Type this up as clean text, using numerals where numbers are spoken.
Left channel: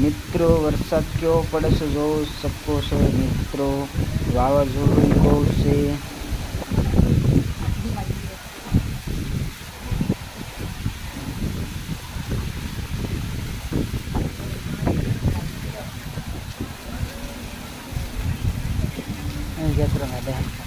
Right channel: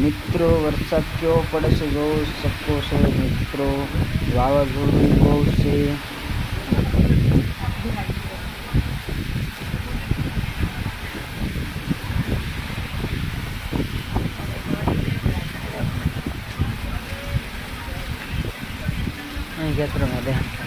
મિત્રો વરસાદ કેવો પડે છે જોઈ શકો છો મિત્રો. વાવાઝોડું બહુ છે. અહીં ખેતરમાં દે